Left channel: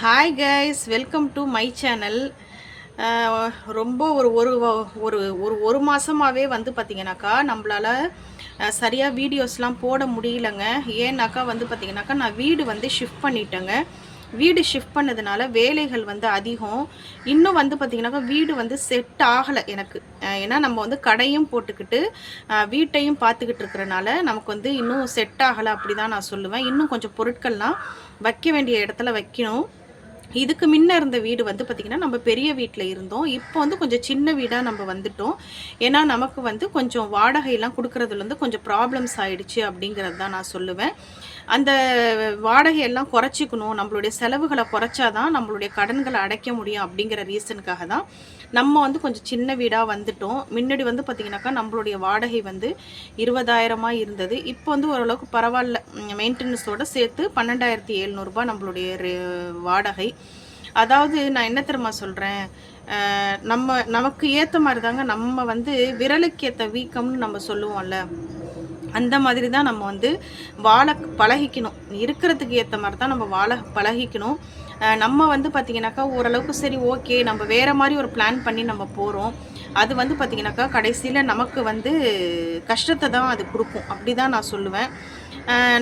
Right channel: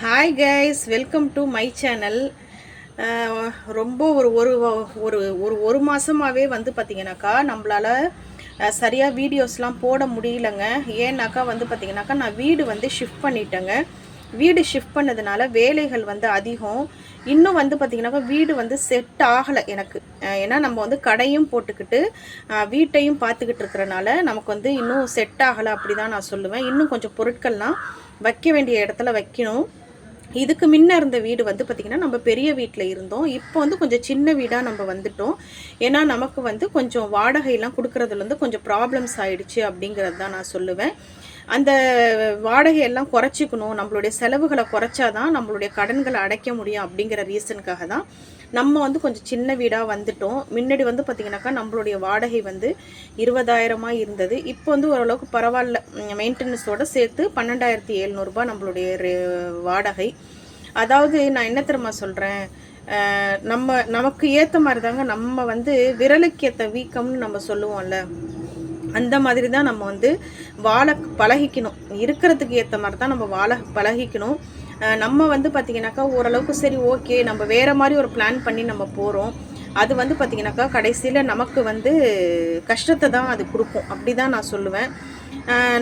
Hi guys welcome to my channel ரொம்ப ஒரு ஒரு ஒரு ஒரு ஒரு மாதமாகவே வந்து பார்த்தீங்கன்னாக்கா நம்மளால் சரியாக வீடியோஸ்லாம் போட முடியலங்க. ஏன்னாக்கா வந்து பார்த்தீங்கன்னாக்கா நான் வீடு வந்து ஷிஃப்ட் பண்ணிட்டேங்க. வீடு ஷிஃப்ட் பண்ணதுனால வேலைகள் வந்து அதிகம். இன்னும் வந்து பார்த்திங்கனாக்கா வீடு வந்து செட் ஆகலை எனக்கு. ஏன்னா நம்ம வந்து கடையும் போட்டுக்கிட்டு வீட்டையும் பார்த்துக்கிட்டு இருக்கிறனால நமக்கு வந்து இன்னும் செட் ஆகலை அப்படி தான் நான் சொல்லுவேன். இன்னும் கொஞ்சம் பொருட்கள்லாம் வைக்க வேண்டிய இடத்துல வைக்கணும். இதுக்கு முன்ன இருந்த வீடு வந்து பார்த்திங்கன்னா நம்ம பெரிய வீட்டில் இருந்தோம். இப்போ வந்து கொஞ்சம் சின்ன வீடாக நம்ம வந்துட்டோம். ஏன்னா நமக்கு வந்து கொஞ்சம் வாடகையெல்லாம் கொடுக்குறதுலேருந்து கொஞ்சம் ப்ராப்ளம்ஸ் ஆயிடுச்சு அப்படிங்கிறது தான் நான் சொல்லுவேன். அந்த வாடகையெல்லாம் குறைச்சிக்கணும் நம்மளுடைய செலவுகளை குறைச்சாதான் நம்மளுடைய கடன்களை அடைக்க முடியும் அப்படிங்கிற ரீசனுக்காக தான் நம்ம வந்து கொஞ்சம் சின்ன வீடாக வந்துட்டோம். முன்னாடி வந்து பார்த்திங்கனாக்கா நம்மளுடைய வாடகை வந்து இருபதாயிரமாக இருந்தது. இப்போ வந்து ஓரளவுக்கு பரவாயில்ல. மெயின்டெனன்ஸோடு சேர்த்து பன்னெண்டாயிரத்தி எழுநூறுபா நம்மளுடைய வாடகை. அதாவது நான் என்ன தெரியுமா சொல்கிறேன் நம்ம நமக்கு ஏற்ற மாதிரி தாங்க நம்ம வந்து விரலுக்கு ஏற்ற வீக்கம்னு நம்ம சொல்லுவோம்ல. அந்த மாதிரி தான் நம்ம வந்து வாழ பழகிக்கணும். இருக்கிறதுக்கு ஏற்ற மாதிரி தான் நம்ம வாழ பழகிக்கணும். நம்ம வந்து பார்த்திங்கனாக்கா ஓரளவுக்கு சரி ஓகே நம்ம வேறு மாதிரி ஒரு பிளான் பண்ணி நம்ம போகிறோம் அது வந்து பார்த்திங்கனாக்கா கடைசியில் நமக்கு வந்து கஷ்டத்தை தான் அது கொடுக்கும். அப்படி தான் நான் சொல்லுவேன்.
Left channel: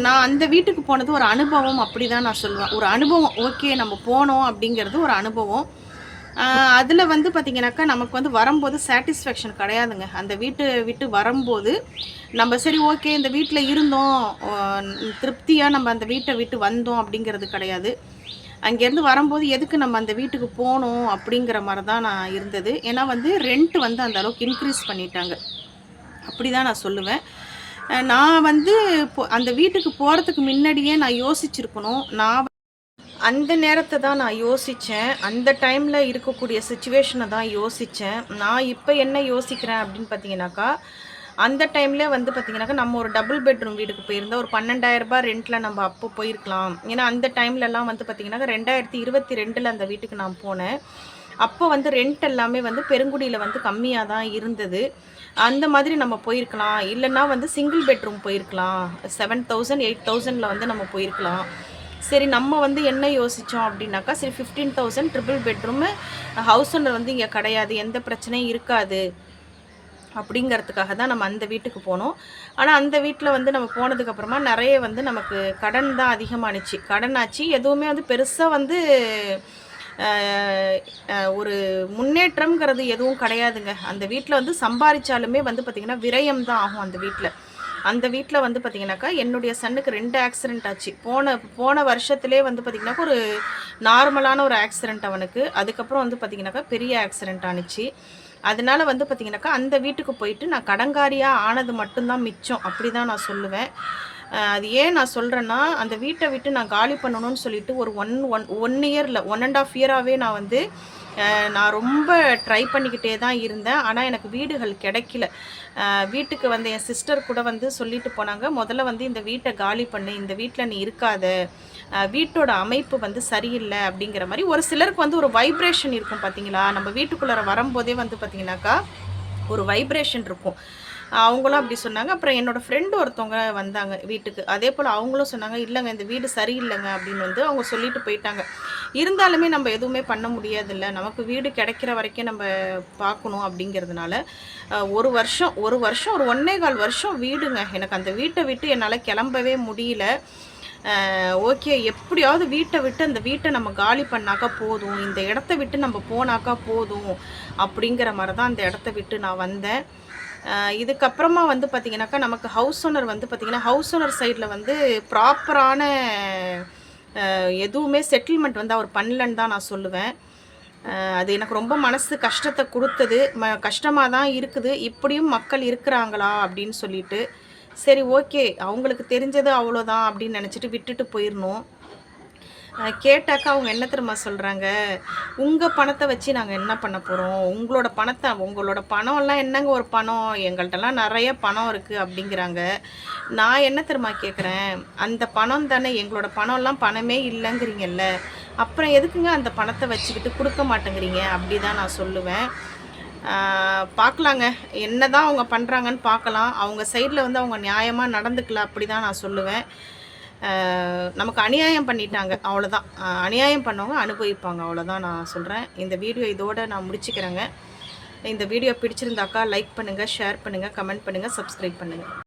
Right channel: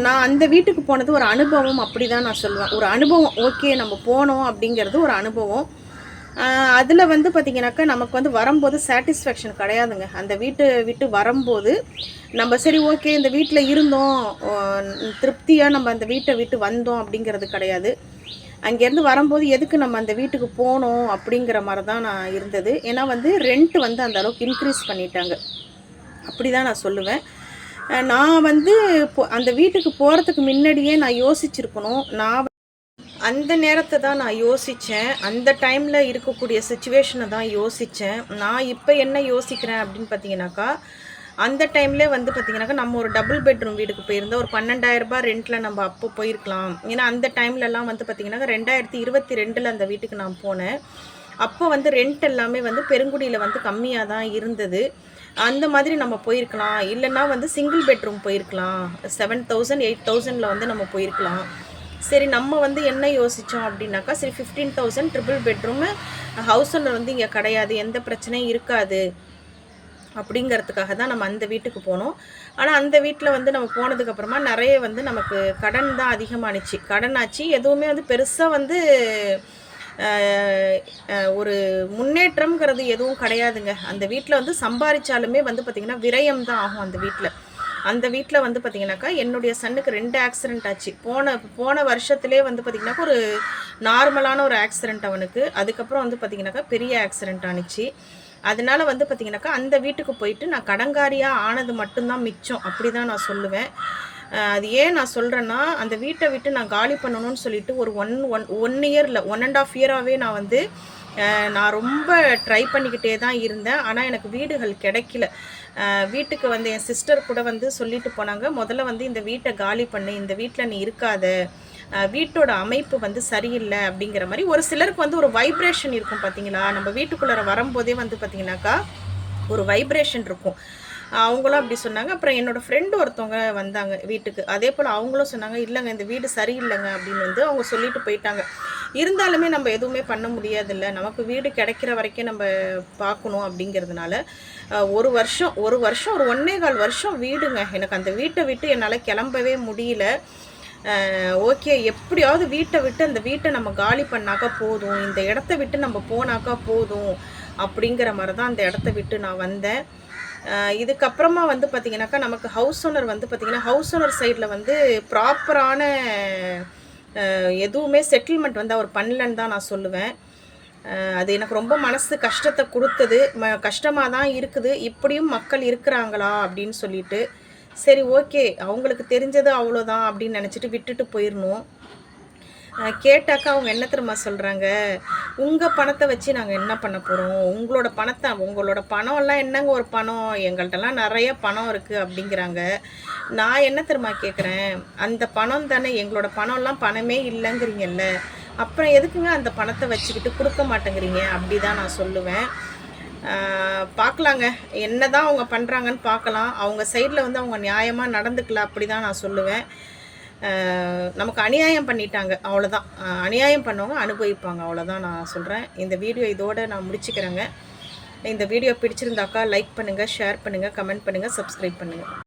நான் அந்த வீட்டுக்கு போனது ஒரு அனுபவம் அப்படி தான் நான் சொல்லுவேன். ஒரு அனுபவம் ஓகே நம்ம போனோம் அப்படிங்கிறது ஒரு அனுபவம். அதில் வந்து பார்த்திங்கனாக்கா நமக்கு வந்து வரும்போது சாட்டிஸ்ஃபேக்ஷன் கிடையாதுங்க. அந்த வீட்டை விட்டு வரும்போது நம்ம சரி ஓகே இந்த வீட்டில் இருந்தோம். திருப்தியாக நம்ம அந்த வீட்டை விட்டு வந்தோம் அப்படிங்கிறது கிடையாது. அங்கேருந்து வரும்போது எதுக்கு நம்ம அந்த வீட்டுக்கு போகணும் அப்படிங்கிற மாதிரி தான் நான் இருந்தது. ஏன்னா வந்து ரெண்ட் வந்து அந்த அளவுக்கு இன்க்ரீஸ் பண்ணிட்டாங்க. அப்படி தான் நான் சொல்லுவேன். நான் வந்து இப்போ அந்த வீட்டுக்கு போகிறதுக்கு முன்னாடியே நான் யோசிச்சிருக்கணும். நான் அந்த நேரத்தை தான் நான் யோசித்தேன் அந்த டைமில் இருக்கக்கூடிய சுச்சுவேஷனை தான் யோசித்தேன் நான் இப்போ என்ன யோசிக்கிறேன் அப்படின்னு பார்த்தீங்கன்னாக்கா அந்த டைமில் வந்து பார்த்திங்கனாக்கா நம்ம ஒரு டபுள் பெட்ரூம் வீட்டுக்கு போயிருந்தோம் ஒரு பன்னெண்டாயிரரூபா ரெண்டில் ரெண்ட்டில் நம்ம அப்போ போயிருக்கலாம். ஏன்னா அந்த டைம்லலாம் வந்து பார்த்தீங்கன்னாக்கா ரெண்டாயிரத்தி இருபத்தி ரெண்டில் அந்த வீட்டுக்கு நான் போனேன். அப்போ வந்து ரெண்ட் எல்லாமே வந்து பெருங்குடியில் வந்து கம்மியாக தான் இருந்தது. அந்த மாதிரி நம்ம போயிருக்கலாம். இல்லைன்னா வந்து சிங்கிள் பெட்ரூம் போயிருக்கலாம். செவன் தௌசண்ட் எயிட் தௌசண்டில் வந்து நம்ம போயிருக்கலாம். சரி நம்ம வந்து என்ன யோசித்தோம் அப்படின்னாக்கா சரி fifteen thousand triple bedroom house owner வந்து இங்கே கிடையாது எந்த பிரச்சனையும் இருக்காது அப்படிங்கிறதுக்காக தான் நம்ம அந்த வீட்டுக்கு போனோம். ஆனால் அந்த வீட்டில் வந்து நம்ம போனதுக்கப்புறமா நிறைய வந்து நமக்கு கடன் தான் அதிகமானுச்சு. கடன் ஆச்சு எதுவுமே வந்து பெருசாக வந்து ஒரு முன்னேற்றம்ங்கிறது எதுவும் கிடையாதுங்க. அந்த வீட்டில் வந்து சம்பாதிச்சாலுமே வந்து பார்த்திங்கன்னா விரயம் தான் ஆகும் அந்த வீட்டில் அந்த வீட்டில் வந்து பார்த்திங்கனாக்கா என்னுடைய சன்னுக்கு ரெண்டு ஆக்சிடென்ட் ஆச்சு. போன போன வருஷத்துலேயே வந்து பார்த்திங்கனாக்கா ஒரு நார்மலான ஒரு ஆக்சிடென்ட் அவனுக்கு. அதுக்கப்புறம் வந்து பார்த்திங்கனாக்கா பெரிய ஆக்சிடென்ட் ஆனிச்சு. அதனால வந்து பார்த்திங்கனாக்கா அந்த வீட்டுக்கு போயிட்டு நான் கடங்காரியாக ஆனது மட்டும்தான் மிச்சம். அப்படி தான் நான் சொல்லுவேன். அது ஏன் நான் சொல்கிறேன்னா அந்த வீட்டை விட்டு நான் காலி பண்ணணும்னு சொல்லிட்டு ஒரு ஒன் ஒன் ஒன் இயரில் ஒன் அண்ட் ஆஃப் இயராகவே நான் வந்து நான் ரொம்ப ட்ரை பண்ணிக்கிட்டே தான் இருந்தேன். ஆனால் எனக்கு வீடுகள் கிடைக்கல. வீட்டுக்கு வந்து என் சிஸ்டர் கூட வந்து சொல்லிட்டு போனாங்க முதல்ல வந்து இந்த வீட்டை காலி பண்ணு இந்த வீட்டில் நீ இருக்காத. வீட்டோட அமைப்பு வந்து சரியில்லை. அப்படிங்கிற மாதிரி ஒரு சிலருக்கு வந்து ஒரு வைப்ரேஷன் இருக்கும் பார்த்தீங்களா நம்ம வீட்டுக்குள்ளார வரும்போதே வந்து பார்த்தீங்கன்னாக்கா ஒரு வைப்ரேஷன் இருக்கும். அவங்களும் அப்படி சொன்னாங்க. அப்புறம் என்னோட ஃப்ரெண்டு ஒருத்தவங்க வந்தாங்க வீட்டுக்கு. அதே போல் அவங்களும் சொன்னாங்க இல்லைங்க இந்த வீடு சரியில்லைங்க அப்படின்னு வந்து அவங்க சொல்லிட்டு போயிட்டாங்க. இருந்தாலுமே நம்ம எதுவுமே பண்ண முடியாதுல்ல. நமக்கு வீடு கிடைக்கிற வரைக்கும் நம்ம பார்க்கணும் அப்படிங்கிறதுனால ஒரு வருஷம் ஒரு வருஷம் ஒரு ஒன்னே கால் வருஷம் வீடுங்க. எனக்கு அந்த வீட்டை விட்டு என்னால் கிளம்பவே முடியல. ஓகே எப்படியாவது வீட்டை விட்டு அந்த வீட்டை நம்ம காலி பண்ணாக்கா போதும். இந்த இடத்த விட்டு நம்ம போனாக்கா போதும் அப்படிங்கிற மாதிரி தான் அந்த இடத்த விட்டு நான் வந்தேன். இதுக்கப்புறமா வந்து பார்த்திங்கனாக்கா நமக்கு ஹவுஸ் ஓனர் வந்து பார்த்திங்கன்னா ஹவுஸ் ஓனர் சைடில் வந்து ப்ராப்பரான எதுவுமே செட்டில்மெண்ட் வந்து அவர் பண்ணலன்னு தான் நான் சொல்லுவேன். அது எனக்கு ரொம்ப மனசு கஷ்டத்தை கொடுத்தது. ம கஷ்டமாக தான் இருக்குது. இப்படியும் மக்கள் இருக்கிறாங்களா அப்படின்னு சொல்லிட்டு சரி ஓகே அவங்களுக்கு தெரிஞ்சது அவ்வளோதான் அப்படின்னு நினச்சிட்டு விட்டுட்டு போயிடணும். கேட்டாக்கா அவங்க என்ன தெரியுமா சொல்கிறாங்க உங்கள் பணத்தை வச்சு நாங்கள் என்ன பண்ண போகிறோம் உங்களோட பணத்தை உங்களோட பணம்லாம் என்னங்க ஒரு பணம்? எங்கள்கிட்டலாம் நிறைய பணம் இருக்குது அப்படிங்கிறாங்க. நான் என்ன தெரியுமா கேட்குறேன் அந்த பணம் தானே எங்களோட பணம்லாம் பணமே இல்லைங்கிறீங்கல்ல. அப்புறம் எதுக்குங்க அந்த பணத்தை வச்சுக்கிட்டு கொடுக்க மாட்டேங்கிறீங்க? அப்படி தான் நான் சொல்லுவேன். பார்க்கலாங்க என்ன தான் அவங்க பண்ணுறாங்கன்னு பார்க்கலாம் அவங்க சைடில் வந்து அவங்க நியாயமாக நடந்துக்கல அப்படி தான் நான் சொல்லுவேன். நமக்கு அநியாயம் பண்ணிட்டாங்க அவ்வளோதான் அநியாயம் பண்ணவங்க அனுபவிப்பாங்க அவ்வளோதான் நான் சொல்கிறேன் இந்த வீடியோ இதோட நான் முடிச்சுக்கிறேங்க. இந்த வீடியோ பிடிச்சிருந்தாக்கா லைக் பண்ணுங்கள் ஷேர் பண்ணுங்கள் கமெண்ட் பண்ணுங்கள் சப்ஸ்கிரைப் பண்ணுங்கள்